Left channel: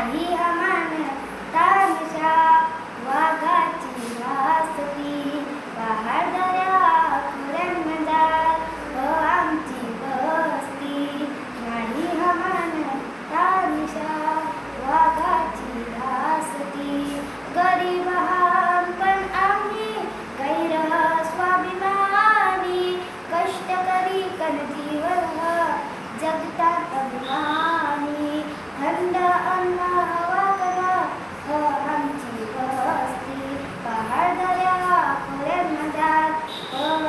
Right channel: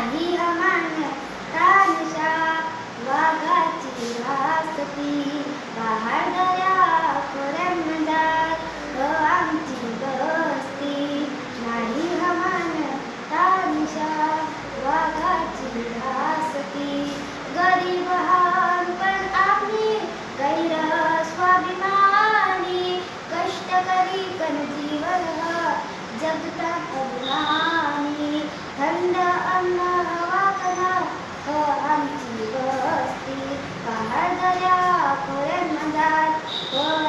नाही हमान तानशा वाघाची रासती पहाडदऱ्या खोऱ्यांमदार आमची बस्ती नाही हमान तानशा वाघाची रासती गरीब पण आम्ही गैर स्वाभिमानी कष्टकरी कणजीवर जगतात अभिमानी थंड अन्न वाकना आमची बस्ती पहाडदऱ्या खोऱ्यांमदार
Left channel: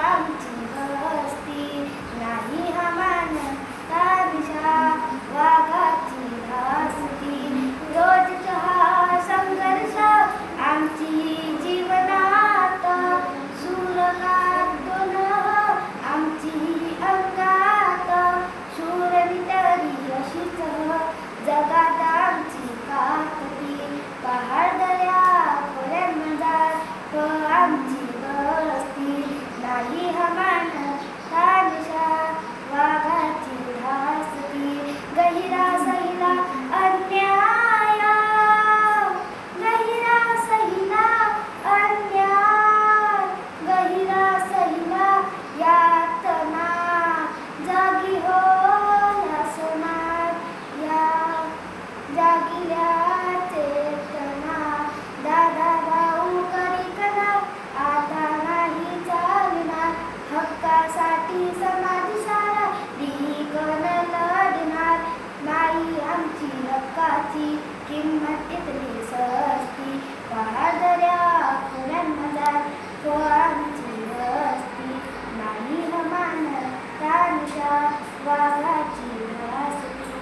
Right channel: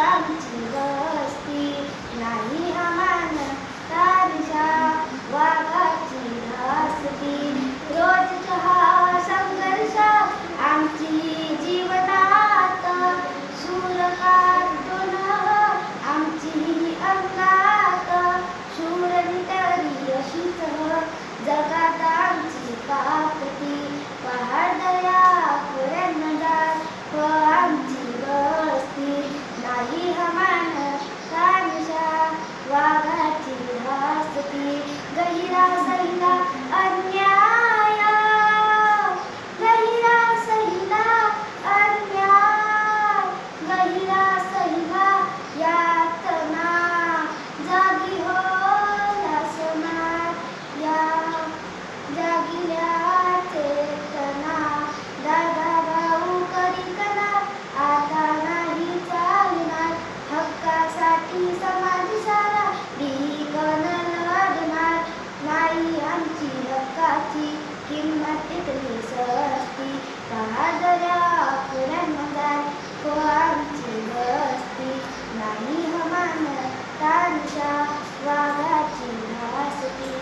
आमची बस्ती नाही हमान तानशा वाघाची रासती रोज चहा संघर्ष आमची जीवनात सूरकार्तून आमची अंगात शूर नितरी अशीच जगात आमची कातती पहाडदऱ्या खोऱ्यांमदार आमची बस्ती नाही हमान तानशा वाघाची रासती गहिरा सहिला अन्याय गहिरा सहिला अन्याय गहिरा सहिला यातना जागी हो लासणार या जागिल्या चेतना दादा भाऊ करिकना आता नाही चालणार हक्कासाठी समाज सारा ढिकन लढणार नाही आमची हक्काची किंमत इतकी सस्ती पहाडदऱ्या खोऱ्यांमदार आमची